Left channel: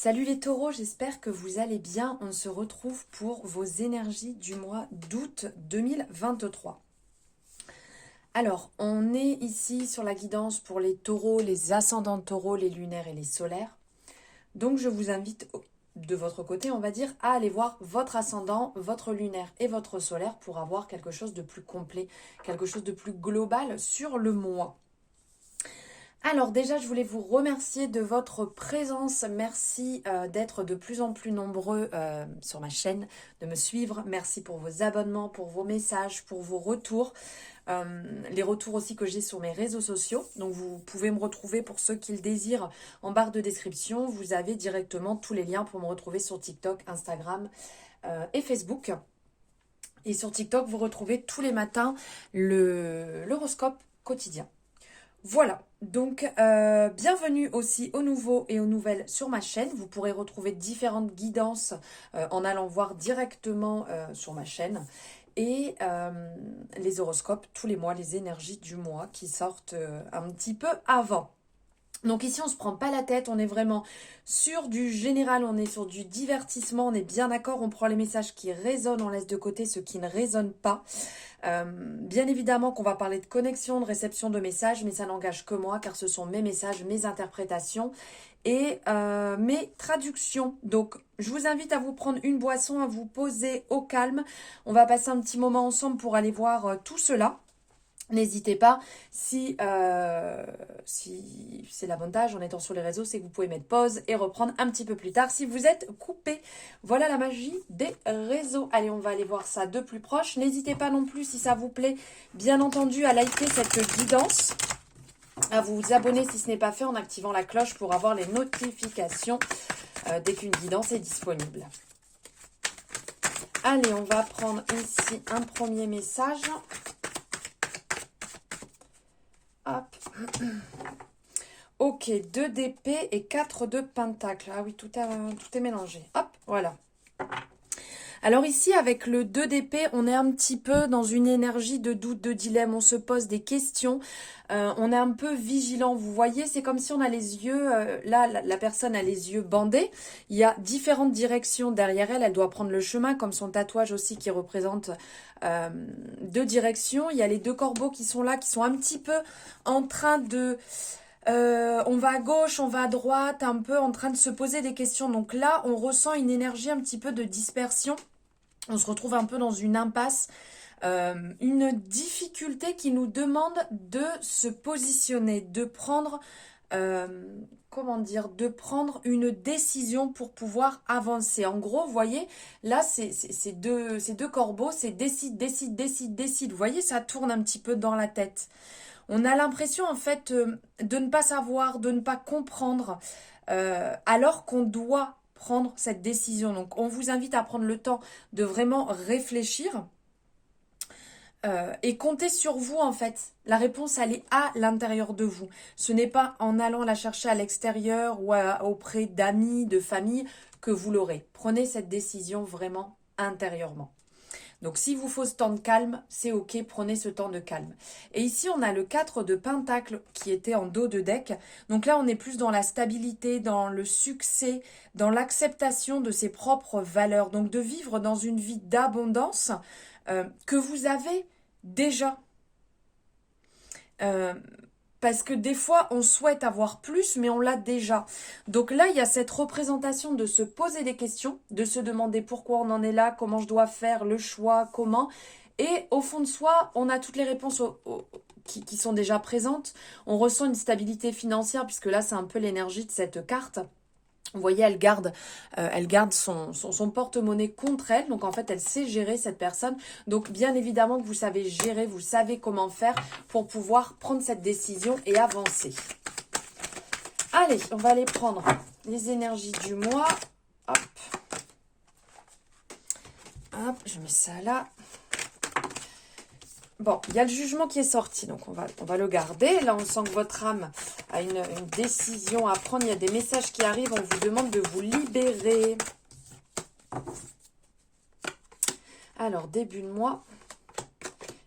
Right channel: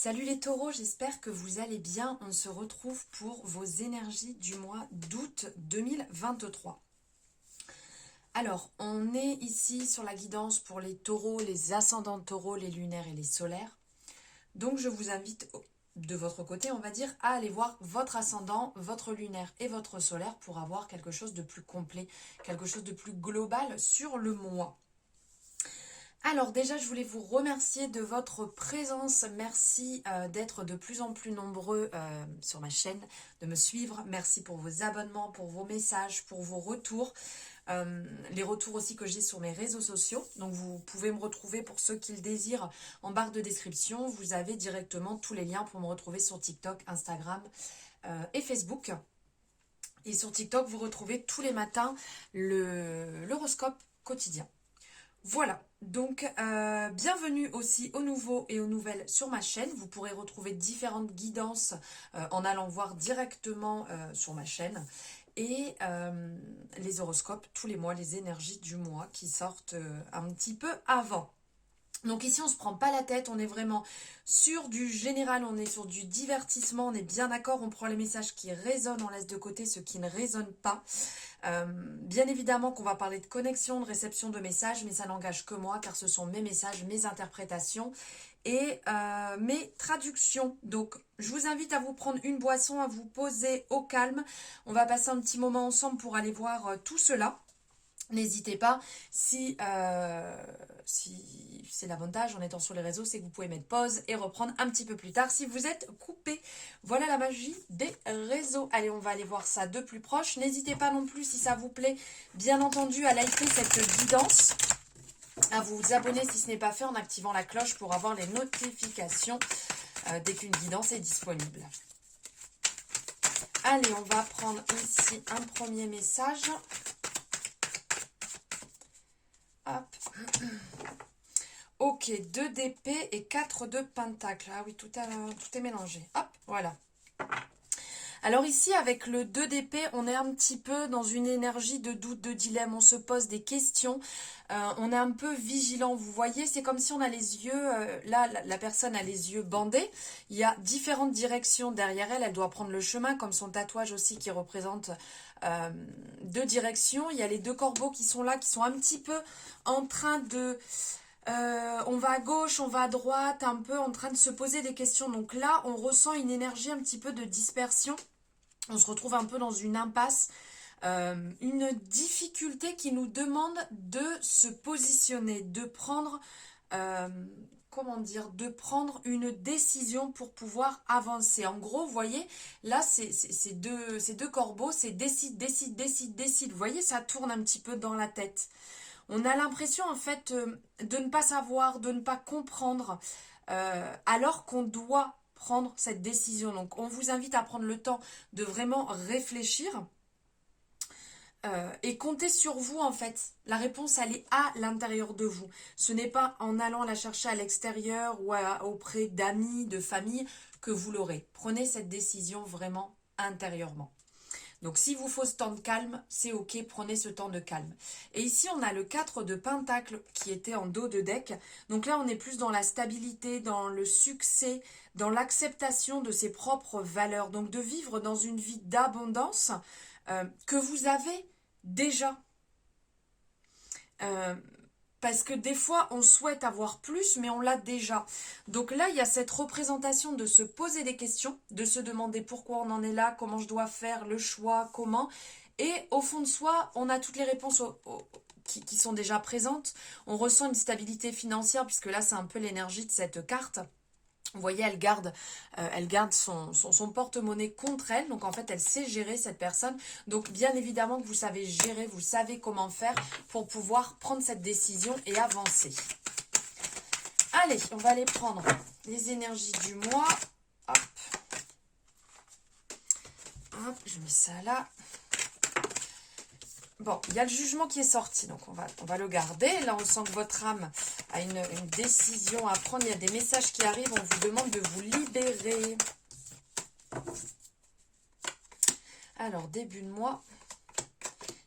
Salut les taureaux, j'espère que vous allez bien. On se retrouve pour vos énergies du mois d'août 2023. Alors, on est ici sur la guidance pour les taureaux, les ascendants taureaux, les lunaires et les solaires. Donc, je vous invite de votre côté, on va dire, à aller voir votre ascendant, votre lunaire et votre solaire pour avoir quelque chose de plus complet, quelque chose de plus global sur le mois. Alors déjà, je voulais vous remercier de votre présence. Merci d'être de plus en plus nombreux sur ma chaîne, de me suivre. Merci pour vos abonnements, pour vos messages, pour vos retours. Les retours aussi que j'ai sur mes réseaux sociaux. Donc vous pouvez me retrouver pour ceux qui le désirent en barre de description. Vous avez directement tous les liens pour me retrouver sur TikTok, Instagram et Facebook. Et sur TikTok, vous retrouvez tous les matins l'horoscope quotidien. Voilà, donc bienvenue aussi aux nouveaux et aux nouvelles sur ma chaîne. Vous pourrez retrouver différentes guidances en allant voir directement sur ma chaîne. Et les horoscopes tous les mois, les énergies du mois qui sortent un petit peu avant. Donc ici, on ne se prend pas la tête, on est vraiment sur du général, on est sur du divertissement, on est bien d'accord, on prend les messages qui résonnent, on laisse de côté ceux qui ne résonnent pas. Bien évidemment qu'on va parler de connexion, de réception de messages, mais ça n'engage que moi car ce sont mes messages, mes interprétations et mes traductions. Donc je vous invite à vous prendre une boisson, à vous poser au calme. On va passer un petit moment ensemble pour aller voir tout cela. N'hésitez pas, si c'est l'avantage en étant sur les réseaux, c'est que vous pouvez mettre pause et reprendre un petit peu plus tard si vous êtes coupé. Voilà la magie des réseaux. Allez, on va aller voir ça de plus proche. N'hésitez pas non plus, si ça vous plaît, bien entendu, à liker cette guidance, à vous abonner si ce n'est pas fait en activant la cloche pour avoir les notifications dès qu'une guidance est disponible. Allez, on va prendre ici un premier message. Hop. Ok, 2 d'épée et 4 de pentacle. Ah oui, tout est mélangé. Hop, voilà. Alors ici, avec le 2 d'épée, on est un petit peu dans une énergie de doute, de dilemme. On se pose des questions. On est un peu vigilant. Vous voyez, c'est comme si on a les yeux... là, la personne a les yeux bandés. Il y a différentes directions derrière elle. Elle doit prendre le chemin, comme son tatouage aussi qui représente 2 directions. Il y a les 2 corbeaux qui sont là, qui sont un petit peu en train de... on va à gauche, on va à droite, un peu en train de se poser des questions. Donc là, on ressent une énergie un petit peu de dispersion. On se retrouve un peu dans une impasse, une difficulté qui nous demande de se positionner, de prendre, de prendre une décision pour pouvoir avancer. En gros, vous voyez, là, ces deux corbeaux, c'est décide, décide, décide, décide. Vous voyez, ça tourne un petit peu dans la tête. On a l'impression en fait de ne pas savoir, de ne pas comprendre, alors qu'on doit prendre cette décision. Donc on vous invite à prendre le temps de vraiment réfléchir et compter sur vous en fait. La réponse elle est à l'intérieur de vous. Ce n'est pas en allant la chercher à l'extérieur ou auprès d'amis, de famille que vous l'aurez. Prenez cette décision vraiment intérieurement. Donc, s'il vous faut ce temps de calme, c'est ok, prenez ce temps de calme. Et ici, on a le 4 de pentacle qui était en dos de deck. Donc là, on est plus dans la stabilité, dans le succès, dans l'acceptation de ses propres valeurs. Donc, de vivre dans une vie d'abondance que vous avez déjà. Parce que des fois, on souhaite avoir plus, mais on l'a déjà. Donc là, il y a cette représentation de se poser des questions, de se demander pourquoi on en est là, comment je dois faire, le choix, comment. Et au fond de soi, on a toutes les réponses qui sont déjà présentes. On ressent une stabilité financière, puisque là, c'est un peu l'énergie de cette carte. Vous voyez, elle garde son porte-monnaie contre elle. Donc, en fait, elle sait gérer cette personne. Donc, bien évidemment que vous savez gérer, vous savez comment faire pour pouvoir prendre cette décision et avancer. Allez, on va aller prendre les énergies du mois. Hop. Hop, je mets ça là. Bon, il y a le jugement qui est sorti, donc on va le garder. Là, on sent que votre âme a une décision à prendre. Il y a des messages qui arrivent, on vous demande de vous libérer. Alors, début de mois,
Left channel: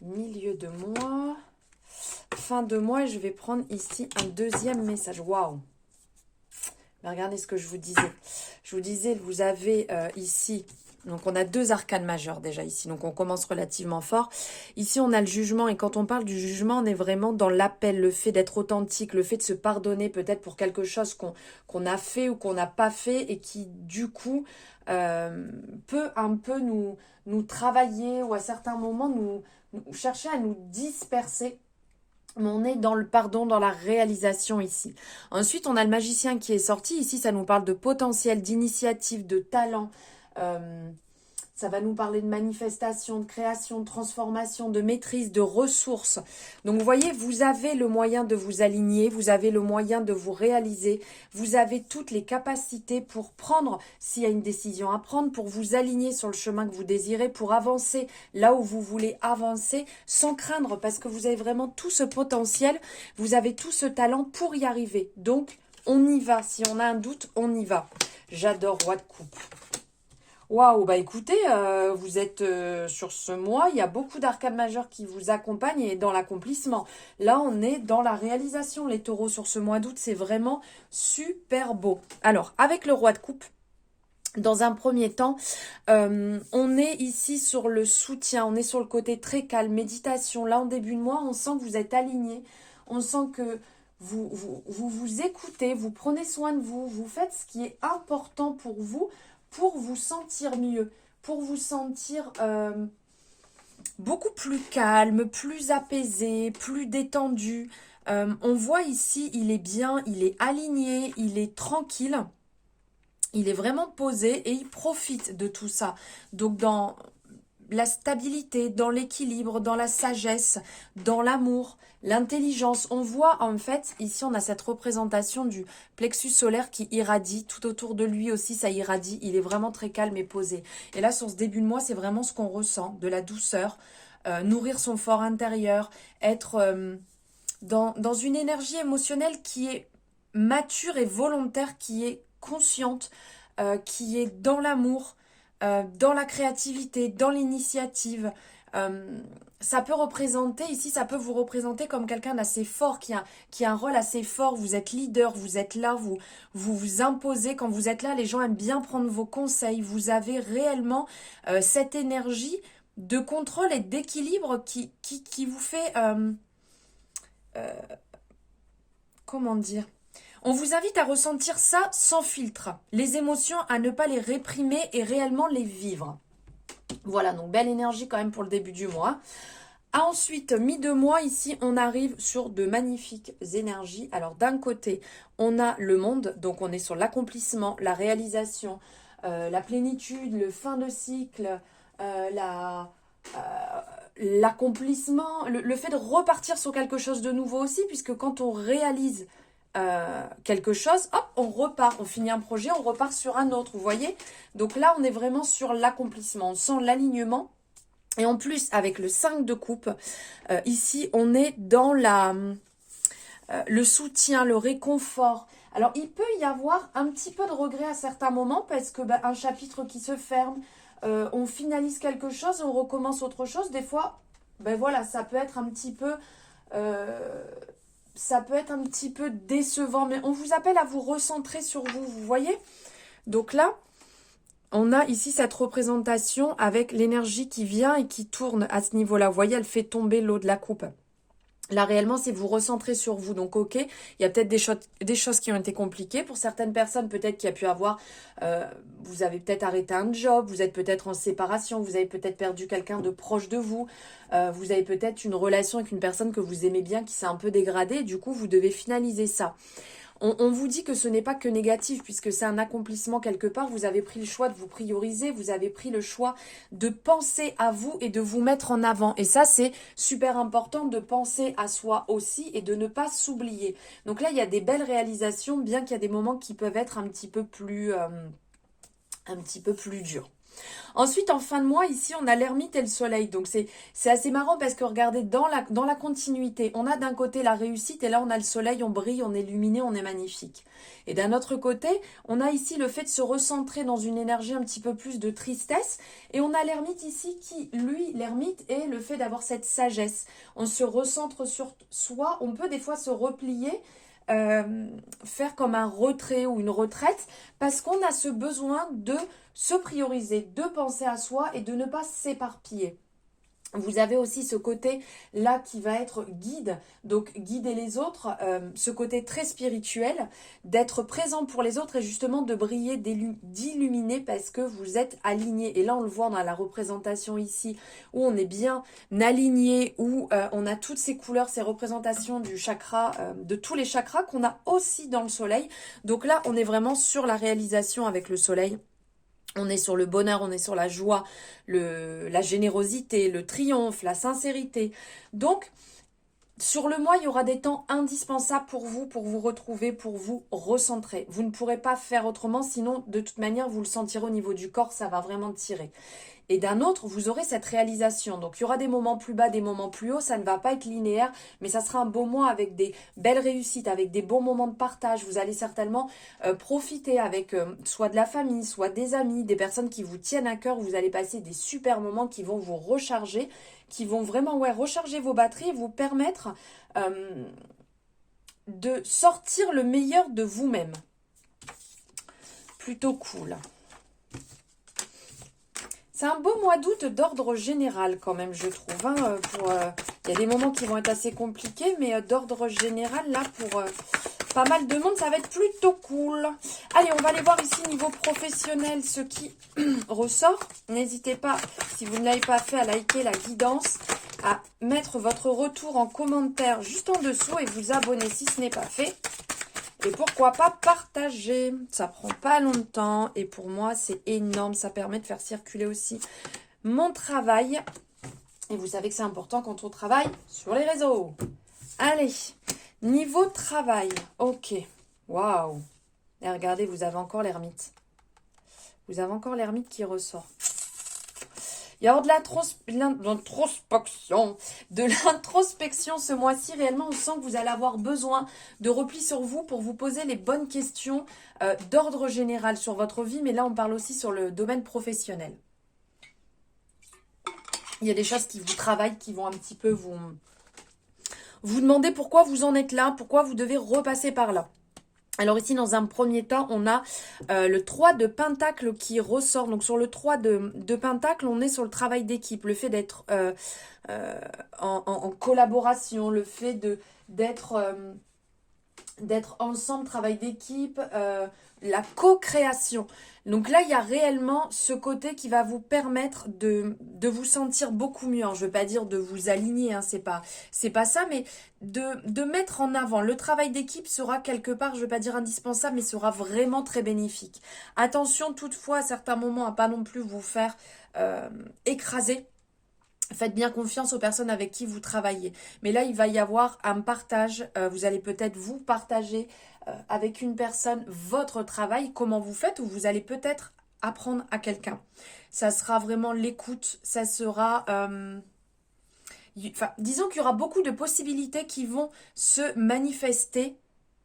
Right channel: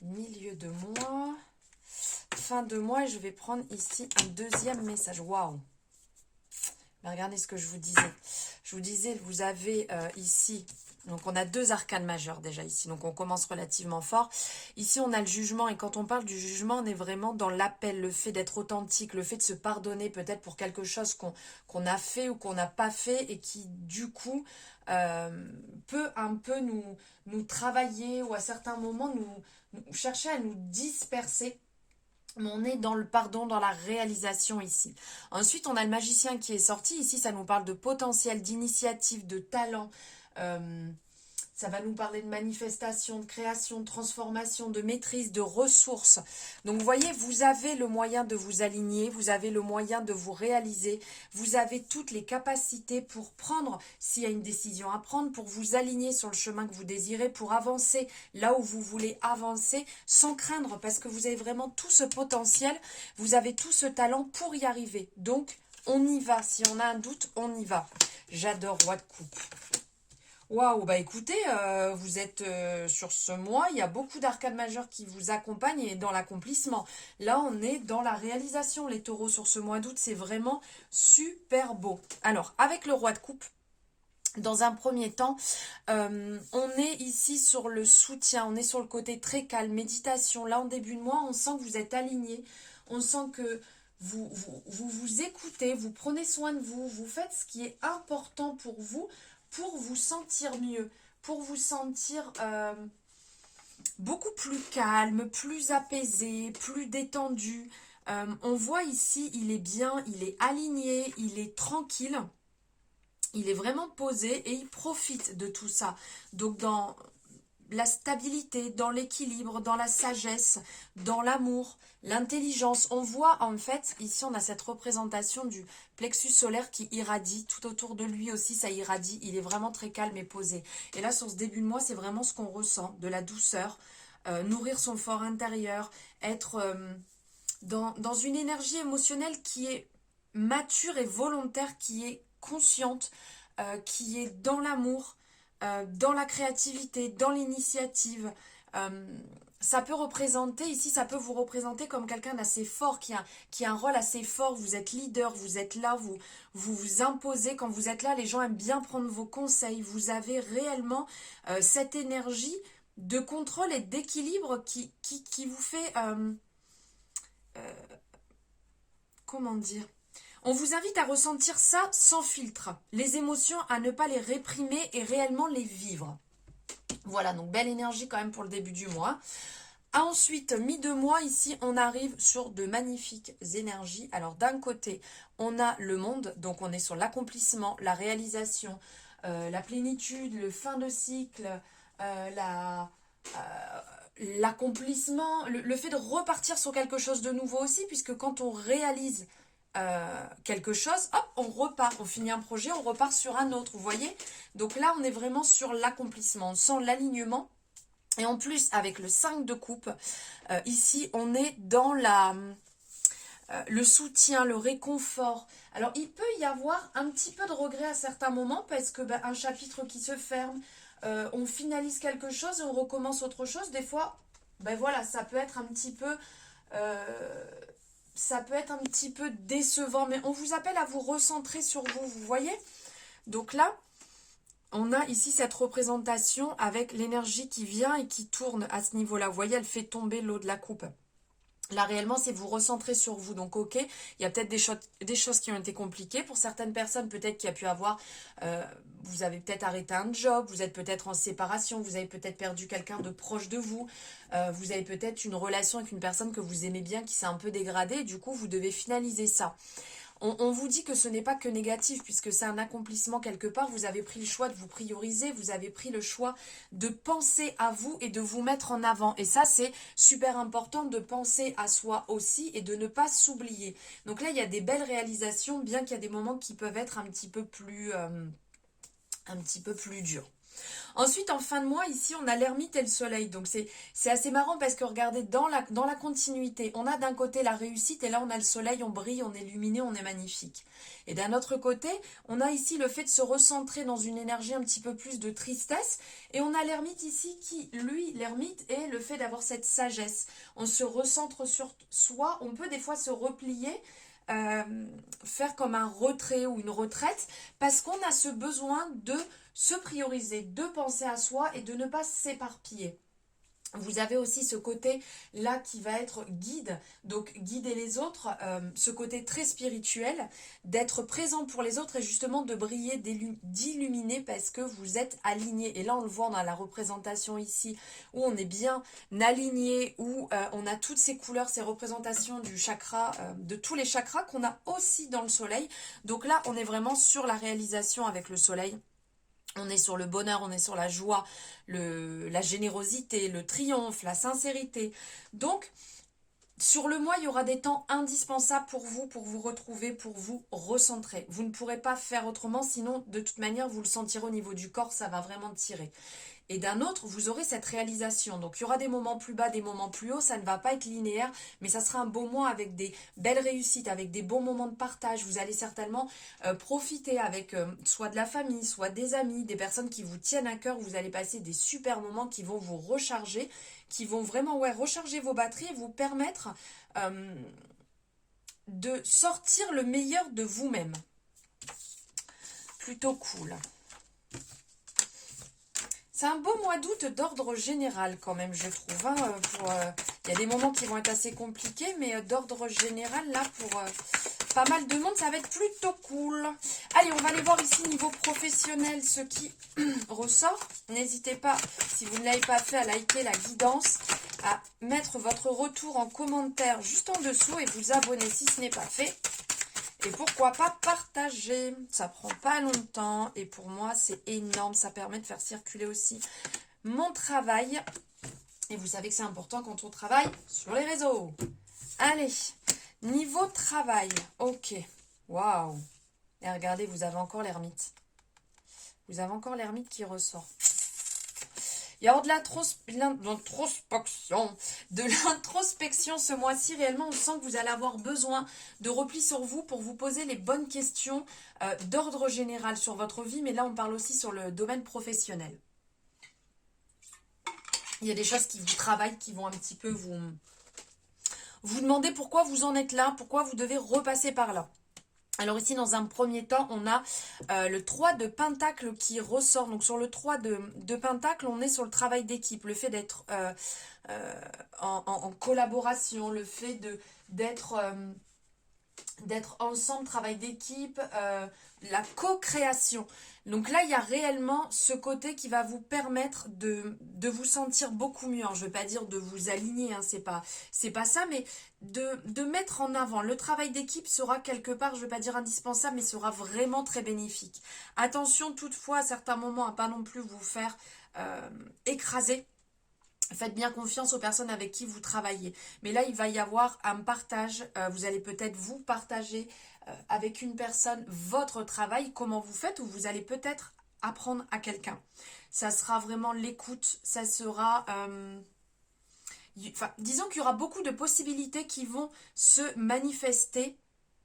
milieu de mois, fin de mois. Je vais prendre ici un deuxième message. Waouh! Mais regardez ce que je vous disais. Je vous disais, vous avez ici, donc on a 2 arcanes majeures déjà ici, donc on commence relativement fort. Ici, on a le jugement, et quand on parle du jugement, on est vraiment dans l'appel, le fait d'être authentique, le fait de se pardonner peut-être pour quelque chose qu'on a fait ou qu'on n'a pas fait, et qui, du coup, peut un peu nous travailler, ou à certains moments nous chercher à nous disperser. Mais on est dans le pardon, dans la réalisation ici. Ensuite, on a le magicien qui est sorti. Ici, ça nous parle de potentiel, d'initiative, de talent. Euh, Ça va nous parler de manifestation, de création, de transformation, de maîtrise, de ressources. Donc, vous voyez, vous avez le moyen de vous aligner, vous avez le moyen de vous réaliser, vous avez toutes les capacités pour prendre, s'il y a une décision à prendre, pour vous aligner sur le chemin que vous désirez, pour avancer là où vous voulez avancer, sans craindre, parce que vous avez vraiment tout ce potentiel, vous avez tout ce talent pour y arriver. Donc, on y va. Si on a un doute, on y va. J'adore Roi de coupe. Waouh, bah écoutez, vous êtes sur ce mois, il y a beaucoup d'arcades majeures qui vous accompagnent et dans l'accomplissement. Là, on est dans la réalisation, les taureaux, sur ce mois d'août, c'est vraiment super beau. Alors, avec le roi de coupe, dans un premier temps, on est ici sur le soutien, on est sur le côté très calme, méditation. Là, en début de mois, on sent que vous êtes aligné, on sent que vous écoutez, vous prenez soin de vous, vous faites ce qui est important pour vous sentir mieux, pour vous sentir beaucoup plus calme, plus apaisé, plus détendu. On voit ici, il est bien, il est aligné, il est tranquille. Il est vraiment posé et il profite de tout ça. Donc dans la stabilité, dans l'équilibre, dans la sagesse, dans l'amour, l'intelligence. On voit en fait, ici on a cette représentation du plexus solaire qui irradie, tout autour de lui aussi ça irradie, il est vraiment très calme et posé. Et là sur ce début de mois, c'est vraiment ce qu'on ressent, de la douceur, nourrir son fort intérieur, être dans une énergie émotionnelle qui est mature et volontaire, qui est consciente, qui est dans l'amour, dans la créativité, dans l'initiative. Ça peut représenter, ici, ça peut vous représenter comme quelqu'un d'assez fort, qui a un rôle assez fort. Vous êtes leader, vous êtes là, vous imposez. Quand vous êtes là, les gens aiment bien prendre vos conseils. Vous avez réellement cette énergie de contrôle et d'équilibre qui vous fait... comment dire? On vous invite à ressentir ça sans filtre. Les émotions, à ne pas les réprimer et réellement les vivre. Voilà, donc belle énergie quand même pour le début du mois. Ensuite, mi-de-mois, ici, on arrive sur de magnifiques énergies. Alors, d'un côté, on a le monde, donc on est sur l'accomplissement, la réalisation, la plénitude, le fin de cycle, l'accomplissement, le fait de repartir sur quelque chose de nouveau aussi, puisque quand on réalise quelque chose, hop, on repart, on finit un projet, on repart sur un autre, vous voyez. Donc là, on est vraiment sur l'accomplissement, on sent l'alignement. Et en plus, avec le 5 de coupe, ici, on est dans le soutien, le réconfort. Alors, il peut y avoir un petit peu de regret à certains moments, parce que un chapitre qui se ferme, on finalise quelque chose et on recommence autre chose. Des fois, voilà, ça peut être un petit peu... ça peut être un petit peu décevant, mais on vous appelle à vous recentrer sur vous, vous voyez? Donc là, on a ici cette représentation avec l'énergie qui vient et qui tourne à ce niveau-là. Vous voyez, elle fait tomber l'eau de la coupe. Là, réellement, c'est vous recentrer sur vous. Donc, ok, il y a peut-être des choses qui ont été compliquées. Pour certaines personnes, peut-être qu'il y a pu avoir... vous avez peut-être arrêté un job, vous êtes peut-être en séparation, vous avez peut-être perdu quelqu'un de proche de vous, vous avez peut-être une relation avec une personne que vous aimez bien qui s'est un peu dégradée, et du coup, vous devez finaliser ça. On vous dit que ce n'est pas que négatif, puisque c'est un accomplissement quelque part. Vous avez pris le choix de vous prioriser, vous avez pris le choix de penser à vous et de vous mettre en avant. Et ça, c'est super important de penser à soi aussi et de ne pas s'oublier. Donc là, il y a des belles réalisations, bien qu'il y a des moments qui peuvent être un petit peu plus durs. Ensuite, en fin de mois, ici, on a l'ermite et le soleil. Donc, c'est assez marrant parce que regardez, dans la continuité, on a d'un côté la réussite et là, on a le soleil, on brille, on est luminé, on est magnifique. Et d'un autre côté, on a ici le fait de se recentrer dans une énergie un petit peu plus de tristesse. Et on a l'ermite ici qui, lui, l'ermite est le fait d'avoir cette sagesse. On se recentre sur soi, on peut des fois se replier. faire comme un retrait ou une retraite parce qu'on a ce besoin de se prioriser, de penser à soi et de ne pas s'éparpiller. Vous avez aussi ce côté là qui va être guide, donc guider les autres, ce côté très spirituel, d'être présent pour les autres et justement de briller, d'illuminer parce que vous êtes aligné. Et là on le voit dans la représentation ici où on est bien aligné, où on a toutes ces couleurs, ces représentations du chakra, de tous les chakras qu'on a aussi dans le soleil. Donc là on est vraiment sur la réalisation avec le soleil. On est sur le bonheur, on est sur la joie, la générosité, le triomphe, la sincérité. Donc, sur le mois, il y aura des temps indispensables pour vous retrouver, pour vous recentrer. Vous ne pourrez pas faire autrement, sinon, de toute manière, vous le sentirez au niveau du corps, ça va vraiment tirer. Et d'un autre, vous aurez cette réalisation. Donc, il y aura des moments plus bas, des moments plus hauts. Ça ne va pas être linéaire, mais ça sera un beau mois avec des belles réussites, avec des bons moments de partage. Vous allez certainement profiter avec soit de la famille, soit des amis, des personnes qui vous tiennent à cœur. Vous allez passer des super moments qui vont vous recharger, qui vont vraiment recharger vos batteries et vous permettre de sortir le meilleur de vous-même. Plutôt cool. C'est un beau mois d'août d'ordre général quand même, je trouve. Hein, il y a des moments qui vont être assez compliqués, mais d'ordre général, là, pour pas mal de monde, ça va être plutôt cool. Allez, on va aller voir ici niveau professionnel ce qui ressort. N'hésitez pas, si vous ne l'avez pas fait, à liker la guidance, à mettre votre retour en commentaire juste en dessous et vous abonner si ce n'est pas fait. Et pourquoi pas partager, ça prend pas longtemps et pour moi c'est énorme, ça permet de faire circuler aussi mon travail. Et vous savez que c'est important quand on travaille sur les réseaux. Allez, niveau travail, ok, waouh. Et regardez, vous avez encore l'ermite. Vous avez encore l'ermite qui ressort. Il y a de l'introspection ce mois-ci. Réellement, on sent que vous allez avoir besoin de repli sur vous pour vous poser les bonnes questions d'ordre général sur votre vie. Mais là, on parle aussi sur le domaine professionnel. Il y a des choses qui vous travaillent, qui vont un petit peu vous demander pourquoi vous en êtes là, pourquoi vous devez repasser par là. Alors ici, dans un premier temps, on a le 3 de Pentacle qui ressort. Donc sur le 3 de Pentacle, on est sur le travail d'équipe, le fait d'être en collaboration, le fait d'être ensemble, travail d'équipe, la co-création. Donc là, il y a réellement ce côté qui va vous permettre de vous sentir beaucoup mieux. Hein. Je ne veux pas dire de vous aligner, hein, c'est pas ça, mais de mettre en avant. Le travail d'équipe sera quelque part, je ne veux pas dire indispensable, mais sera vraiment très bénéfique. Attention toutefois à certains moments à pas non plus vous faire écraser. Faites bien confiance aux personnes avec qui vous travaillez. Mais là, il va y avoir un partage. Vous allez peut-être vous partager avec une personne votre travail, comment vous faites, ou vous allez peut-être apprendre à quelqu'un. Ça sera vraiment l'écoute. Ça sera... disons qu'il y aura beaucoup de possibilités qui vont se manifester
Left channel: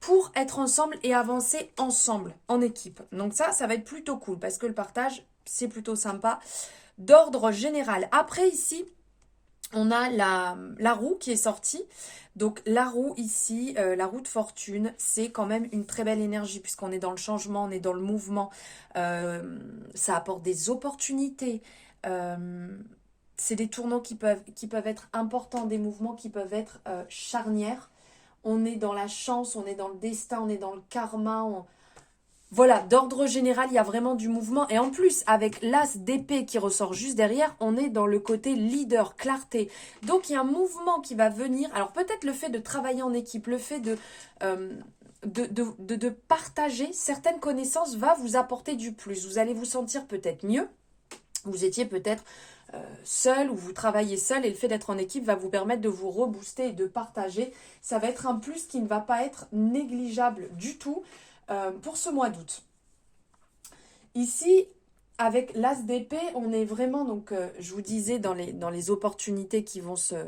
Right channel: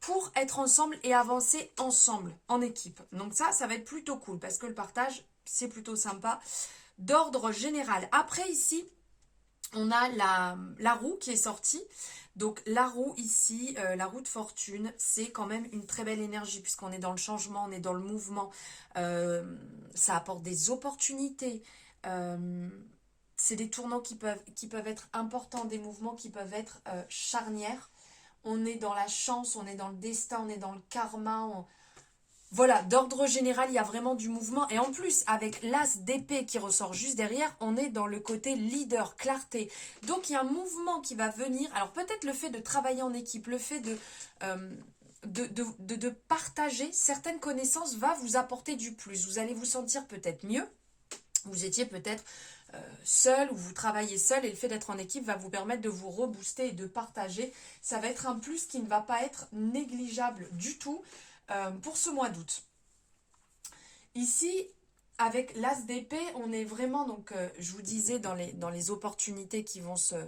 pour être ensemble et avancer ensemble, en équipe. Donc ça va être plutôt cool parce que le partage, c'est plutôt sympa. D'ordre général. Après ici, on a la roue qui est sortie. Donc la roue ici, la roue de fortune, c'est quand même une très belle énergie puisqu'on est dans le changement, on est dans le mouvement. Ça apporte des opportunités. C'est des tournants qui peuvent être importants, des mouvements qui peuvent être charnières. On est dans la chance, on est dans le destin, on est dans le karma. Voilà, d'ordre général, il y a vraiment du mouvement. Et en plus, avec l'as d'épée qui ressort juste derrière, on est dans le côté leader, clarté. Donc, il y a un mouvement qui va venir. Alors, peut-être le fait de travailler en équipe, le fait de partager certaines connaissances va vous apporter du plus. Vous allez vous sentir peut-être mieux. Vous étiez peut-être seul ou vous travaillez seul et le fait d'être en équipe va vous permettre de vous rebooster et de partager. Ça va être un plus qui ne va pas être négligeable du tout. Pour ce mois d'août. Ici, avec l'as d'épée, on est vraiment, donc, je vous disais, dans les opportunités qui vont se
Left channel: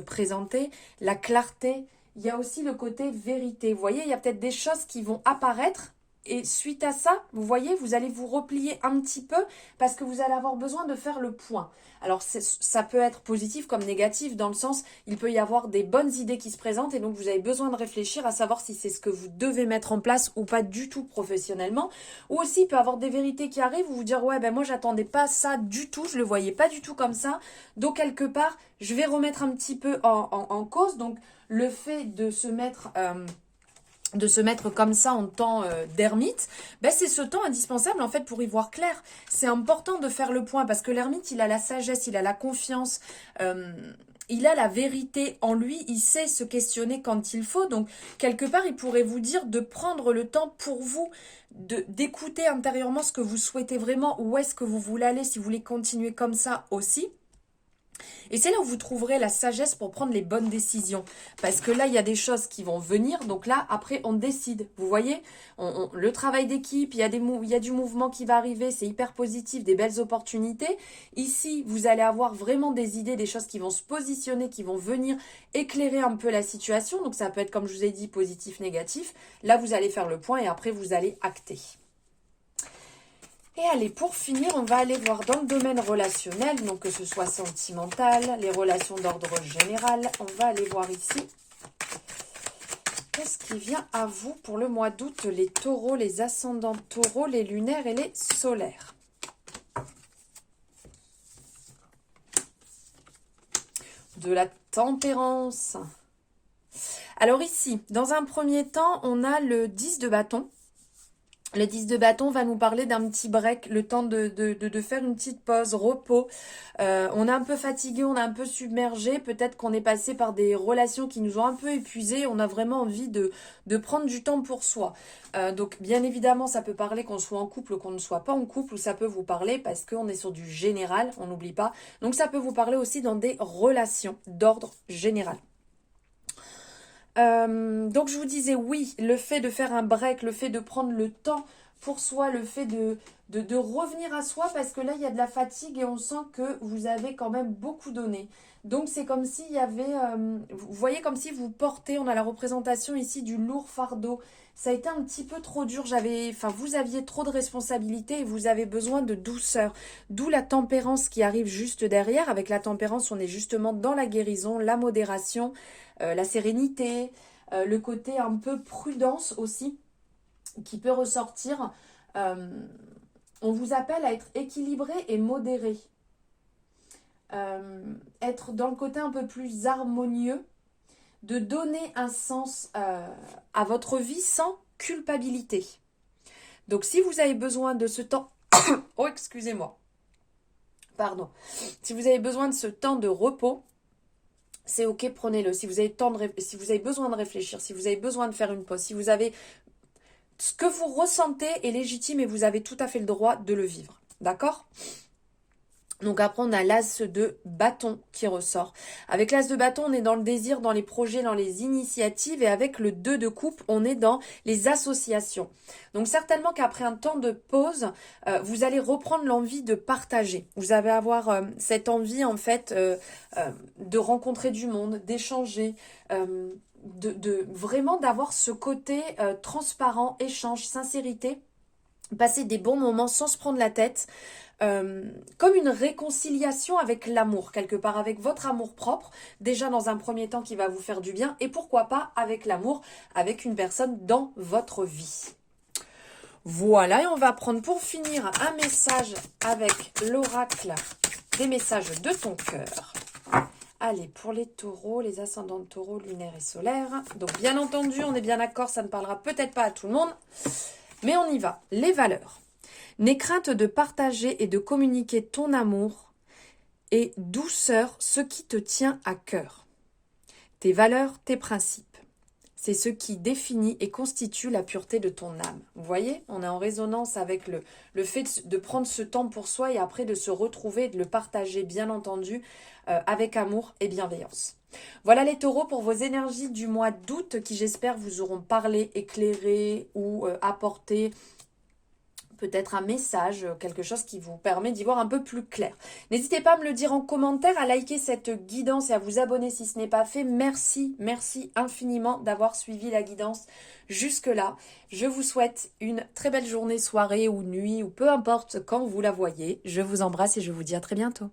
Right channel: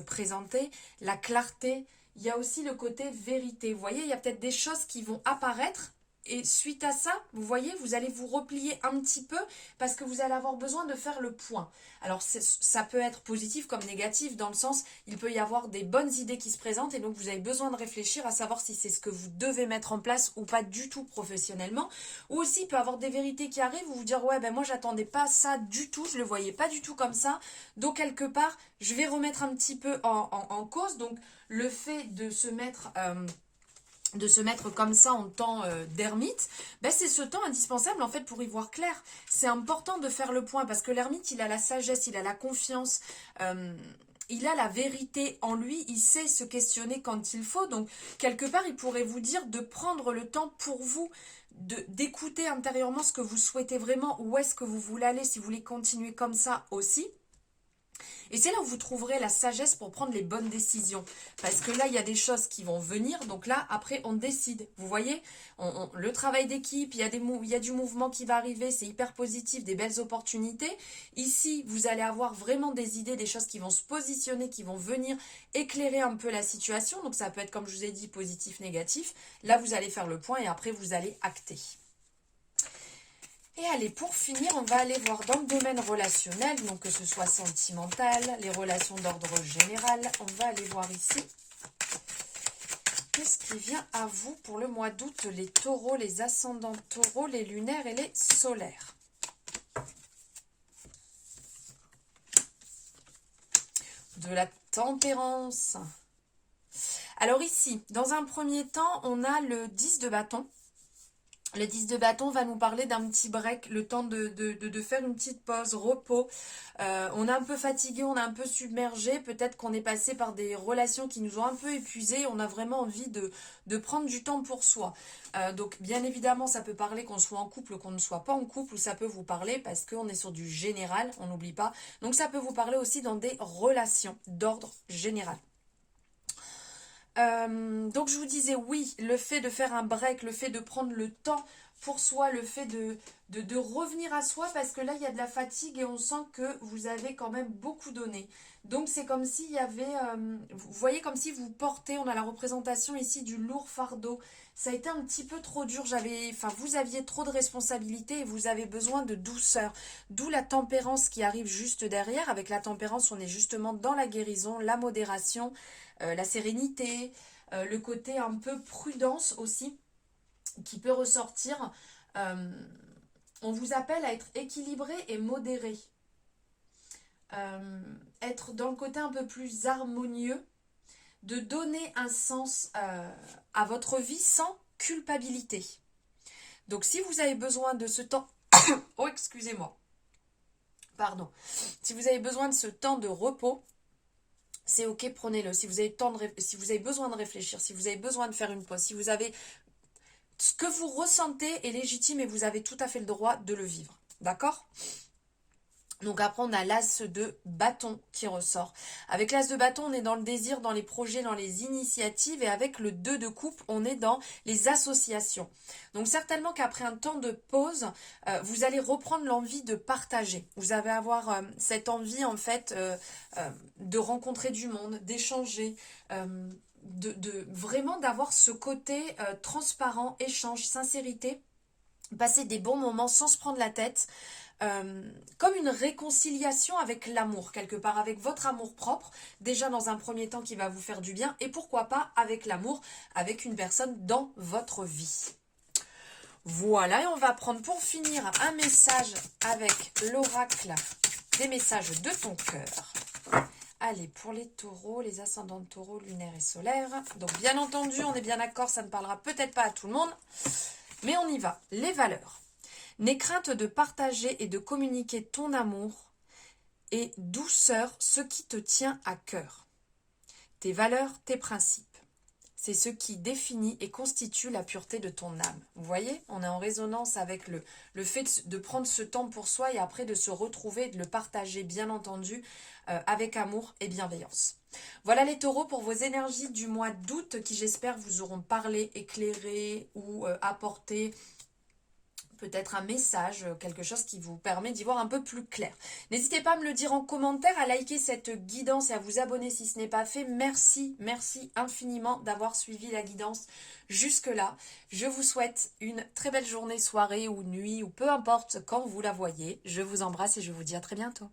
présenter, la clarté, il y a aussi le côté vérité. Vous voyez, il y a peut-être des choses qui vont apparaître Et suite à ça, vous voyez, vous allez vous replier un petit peu parce que vous allez avoir besoin de faire le point. Alors, ça peut être positif comme négatif dans le sens, il peut y avoir des bonnes idées qui se présentent et donc vous avez besoin de réfléchir à savoir si c'est ce que vous devez mettre en place ou pas du tout professionnellement. Ou aussi, il peut y avoir des vérités qui arrivent, vous vous dire, ouais, ben moi, j'attendais pas ça du tout, je le voyais pas du tout comme ça. Donc, quelque part, je vais remettre un petit peu en cause. Donc, le fait de se mettre comme ça en temps d'ermite, ben c'est ce temps indispensable en fait pour y voir clair. C'est important de faire le point parce que l'ermite, il a la sagesse, il a la confiance, il a la vérité en lui, il sait se questionner quand il faut. Donc, quelque part, il pourrait vous dire de prendre le temps pour vous, d'écouter intérieurement ce que vous souhaitez vraiment, où est-ce que vous voulez aller, si vous voulez continuer comme ça aussi. Et c'est là où vous trouverez la sagesse pour prendre les bonnes décisions. Parce que là, il y a des choses qui vont venir. Donc là, après, on décide. Vous voyez, le travail d'équipe, il y a du mouvement qui va arriver. C'est hyper positif, des belles opportunités. Ici, vous allez avoir vraiment des idées, des choses qui vont se positionner, qui vont venir éclairer un peu la situation. Donc ça peut être, comme je vous ai dit, positif, négatif. Là, vous allez faire le point et après, vous allez acter. Et allez, pour finir, on va aller voir dans le domaine relationnel, donc que ce soit sentimental, les relations d'ordre général. On va aller voir ici. Qu'est-ce qui vient à vous pour le mois d'août, les taureaux, les ascendants taureaux, les lunaires et les solaires? De la tempérance. Alors ici, dans un premier temps, on a le 10 de bâton. Le 10 de bâton va nous parler d'un petit break, le temps de faire une petite pause, repos. On est un peu fatigué, on est un peu submergé. Peut-être qu'on est passé par des relations qui nous ont un peu épuisés. On a vraiment envie de prendre du temps pour soi. Donc, bien évidemment, ça peut parler qu'on soit en couple ou qu'on ne soit pas en couple. Ou ça peut vous parler parce qu'on est sur du général, on n'oublie pas. Donc, ça peut vous parler aussi dans des relations d'ordre général. Donc je vous disais oui, le fait de faire un break, le fait de prendre le temps pour soi, le fait de revenir à soi parce que là il y a de la fatigue et on sent que vous avez quand même beaucoup donné. Donc c'est comme s'il y avait, vous voyez comme si vous portez, on a la représentation ici du lourd fardeau. Ça a été un petit peu trop dur, vous aviez trop de responsabilités et vous avez besoin de douceur. D'où la tempérance qui arrive juste derrière. Avec la tempérance, on est justement dans la guérison, la modération, la sérénité, le côté un peu prudence aussi qui peut ressortir. On vous appelle à être équilibré et modéré. Être dans le côté un peu plus harmonieux, de donner un sens à votre vie sans culpabilité. Donc si vous avez besoin de ce temps... oh, excusez-moi. Pardon. Si vous avez besoin de ce temps de repos, c'est ok, prenez-le. Si vous avez besoin de réfléchir, si vous avez besoin de faire une pause, si vous avez... Ce que vous ressentez est légitime et vous avez tout à fait le droit de le vivre. D'accord ? Donc après, on a l'as de bâton qui ressort. Avec l'as de bâton, on est dans le désir, dans les projets, dans les initiatives. Et avec le 2 de coupe, on est dans les associations. Donc certainement qu'après un temps de pause, vous allez reprendre l'envie de partager. Vous allez avoir cette envie, en fait, de rencontrer du monde, d'échanger, vraiment d'avoir ce côté transparent, échange, sincérité. Passer des bons moments sans se prendre la tête. Comme une réconciliation avec l'amour, quelque part avec votre amour propre, déjà dans un premier temps qui va vous faire du bien, et pourquoi pas avec l'amour, avec une personne dans votre vie. Voilà, et on va prendre pour finir un message avec l'oracle des messages de ton cœur. Allez, pour les taureaux, les ascendants de taureaux, lunaires et solaires. Donc bien entendu, on est bien d'accord, ça ne parlera peut-être pas à tout le monde, mais on y va. Les valeurs. N'aie crainte de partager et de communiquer ton amour et douceur ce qui te tient à cœur. Tes valeurs, tes principes. C'est ce qui définit et constitue la pureté de ton âme. Vous voyez, on est en résonance avec le fait de prendre ce temps pour soi et après de se retrouver et de le partager, bien entendu, avec amour et bienveillance. Voilà les taureaux pour vos énergies du mois d'août qui, j'espère, vous auront parlé, éclairé ou apporté peut-être un message, quelque chose qui vous permet d'y voir un peu plus clair. N'hésitez pas à me le dire en commentaire, à liker cette guidance et à vous abonner si ce n'est pas fait. Merci, merci infiniment d'avoir suivi la guidance jusque-là. Je vous souhaite une très belle journée, soirée ou nuit, ou peu importe quand vous la voyez. Je vous embrasse et je vous dis à très bientôt.